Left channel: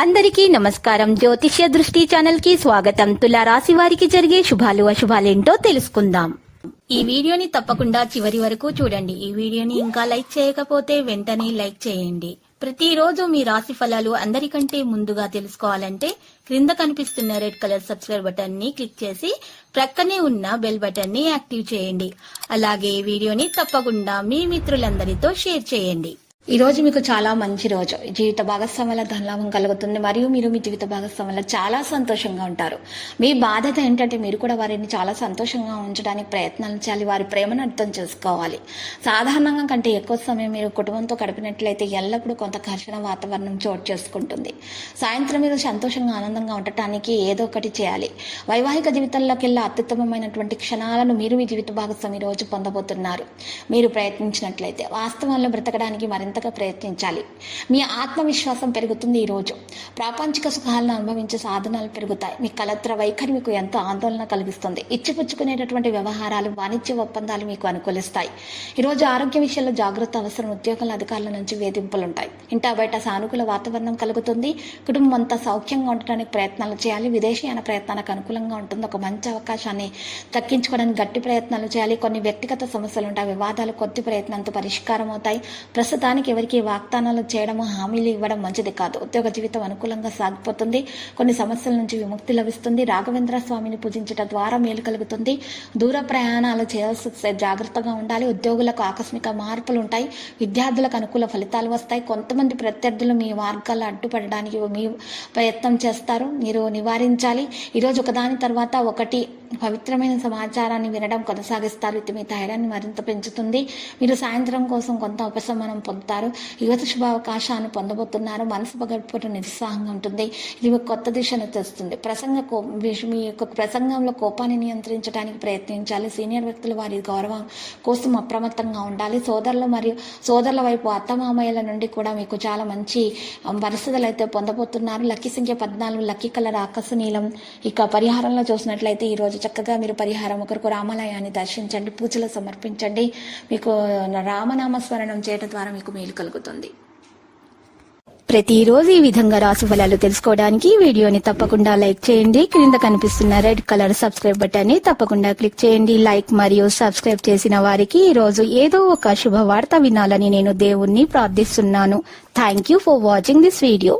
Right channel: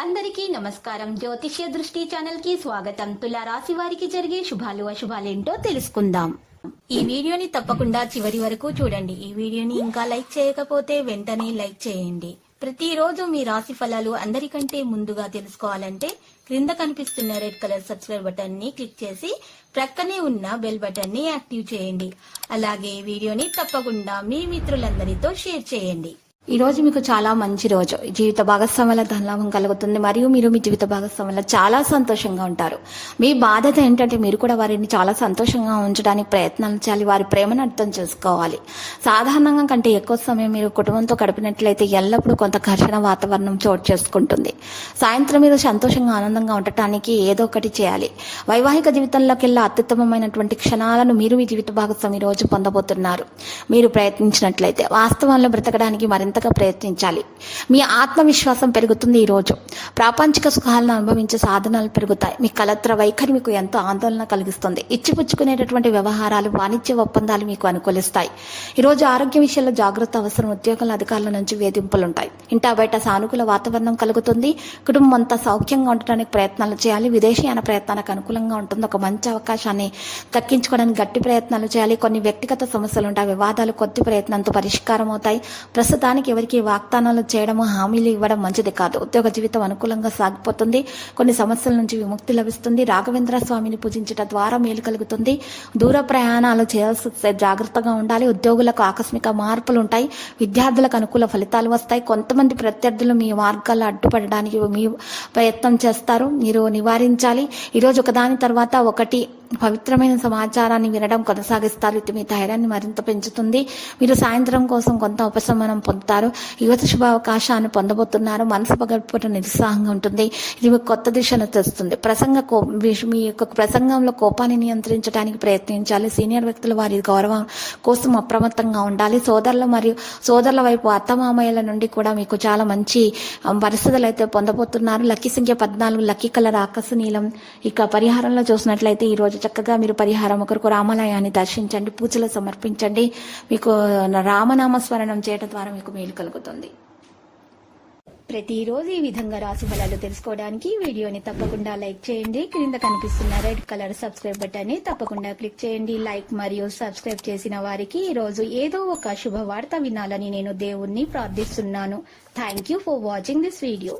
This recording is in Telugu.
అందరికీ నమస్కారం. జ్యోతిష్య దృష్టి ఛానల్ కి స్వాగతం. తులా రాశి వారికి జరిగే శుభాలు అశుభాలేంటో తెలుసుకుందాం. ఈ వీడియోని తప్పకుండా చివరి వరకు చూడండి. ఈ వీడియోని ఇంకా లైక్ చేయకపోతే వెంటనే లైక్ చేయండి. ప్రతిరోజు మీ రాశి ఫలాలు అందరికంటే ముందుగా తెలుసుకోవాలంటే క్రింద కనిపిస్తున్న రెడ్ కలర్ సబ్స్క్రైబ్ బటన్ ని క్లిక్ చేసి ప్రక్కనే ఉన్న బెల్ బటన్ ని యాక్టివ్ చేయండి. అలాగే వీడియోని తప్పకుండా మీ మిత్రులందరితో షేర్ చేయండి. ఈ రోజు మీకు చాలా మంచి రోజు. జీవిత భాగస్వాముల ధనలాభం కలుగుతుంది మరియు మీరు మీ జీవిత భాగస్వాముల చాలా సంతోషంగా ఉంటారు. మీ బాధ్యత ఏంటంటే మీరు కూడా వారిని చాలా సంతోషంగా ఉంచడానికి ప్రయత్నాలు చేయాలి. వారి ప్రేమను అర్థం చేసుకోవాలి. సాధారణంగా కంటే ఎక్కువ సమయం మీరు కుటుంబంతో గడిపినట్లయితే ఎల్లప్పుడూ కొంత ఘర్షణ వాతావరణం చోటు చేసుకుంటుంది. సాయంత్రం మీరు సంతోషంగా ఆనందంగా ఉండటానికి ఏదో ఒకటి చేయాలి. వైవాహిక జీవితంలోకెల్లా అత్యుత్తమమైనటువంటి క్షణాలను మీరు మీ జీవిత భాగస్వామి ఈ రోజు పొందబోతున్నారు. మీరు ప్రయత్నించినట్లయితే వాస్తవంలో బ్రతకడానికి మరింతగా ప్రయత్నించాలి. మీ ఆత్మవిశ్వాసం పెరుగుతుంది. ఈ రోజు ప్రాపంచిక సుఖాలను అనుభవించే సాధనాలు పెరుగుతాయి. మీ కలత్ర వైఖరి మీకు ఎంతో ఆందోళన కలిగిస్తుంది. ఇచ్చిపుచ్చుకునేటటువంటి వ్యవహారాలు, వాణిజ్య ఒప్పందాలు మీకు అనుకూలిస్తాయి. ఈరోజు ఆరోగ్య విషయంలో జాగ్రత్త అవసరం. ఉద్యోగాల అధికారుల నుంచి వేధింపులుంటాయి. ఇంటా బయట సానుకూల వాతావరణం కలుగుతుంది. కుటుంబం అంతా సౌఖ్యంగా ఉండటానికి ప్రయత్నాలు చేయాలి. విదేశీయాన ప్రయత్నాలకు అనుకూలంగా ఉంటుంది. ఒక మంచి అవకాశాన్ని దక్కించుకోవడానికి గట్టి ప్రయత్నాలు చేయాలి. కొన్ని వ్యక్తిగత సమస్యలు ఉంటాయి. వివాదాలు కొద్ది ప్రయత్నంతో పరిష్కారం అవుతాయి. ప్రస్తుతానికి ఎవరికి వాగ్దానాలు చేయడము, హామీలు ఇవ్వడం మంచిది కాదు. ఉద్యోగ జీవితం అనుకూలంగా సాగిపోతుంది. కొన్ని సమస్యల నుంచి విముక్తి లభిస్తుంది. రాఘవేంద్ర స్వామిని పూజించడం ద్వారా మేలు కలుగుతుంది. దూర ప్రయాణాలు చేయాల్సి జాగ్రత్తగా ఉండాలి. ఉద్యోగులకు ఆకస్మిక మార్పులు ఉంటాయి. విద్యార్థులకు అనుకూల ఫలితాలు వస్తాయి. కొంతమంది ప్రత్యర్థులు మీ మార్గాల్లో అడ్డుపడడానికి మీ ప్రయత్నం చేస్తారు. మీరు నివారించాలి. ఈరోజు ఒకదాని తర్వాత ఒకటి పవిత్రమైన సమాచారాన్ని వినడం కొనసాగిస్తారు. ఇది మీ ధైర్యాన్ని మరింత పెంచుతుంది. మీరు సాయంత్రం కోసం కొంత ఉపశమనం పొందుతారు. యువత శుభ అవకాశాన్ని పొందబోతున్నారు. మనసు పగడిపోవడం నిరుత్సాహంగా ఉంటుంది. ఇది మీకు కొత్త దిశను తెస్తుంది. మీ యొక్క ప్రసంగంలో కోపాన్ని నియంత్రించడానికి ప్రయత్నించాలి. సీనియర్ వ్యక్తులు వారి గౌరవం కోసం అప్రమత్తంగా ఉండాలి. సోదరుల వైపు అత్తమామయ్యల నుండి కూడా మీకు చాలా మంచి పరిస్థితులు అయితే పొందబోతున్నారు. లక్కీ సంఖ్య 14, లక్కీ కలర్ ఆకాశ నీలం. ఇక పరిహారంలో చూసినట్లయితే ఈ రోజు చక్కగా మీరు పరిహారం ఒకరికి రామాలయాన్ని దర్శించండి, పూజలు సమర్పించండి. మీకు రామనామ స్మరణం చేయడం ద్వారా మీకు మేలు కలుగుతుంది. ప్రతిరోజు ఈ విధంగా రాశి ఫలాలు తెలుసుకోవడానికి వీడియోని తప్పకుండా లైక్ చేయండి. క్రింద కనిపిస్తున్న రెడ్ కలర్ సబ్స్క్రైబ్ బటన్ ని తప్పకుండా క్లిక్ చేయండి. లైక్ మరియు సబ్స్క్రైబ్ చేసిన వారికి ఈ రోజు ఏదో ఒక శుభవార్త వినాలని నేను దేవుణ్ణి ప్రార్థిస్తున్నాను. Thank you for watching this video.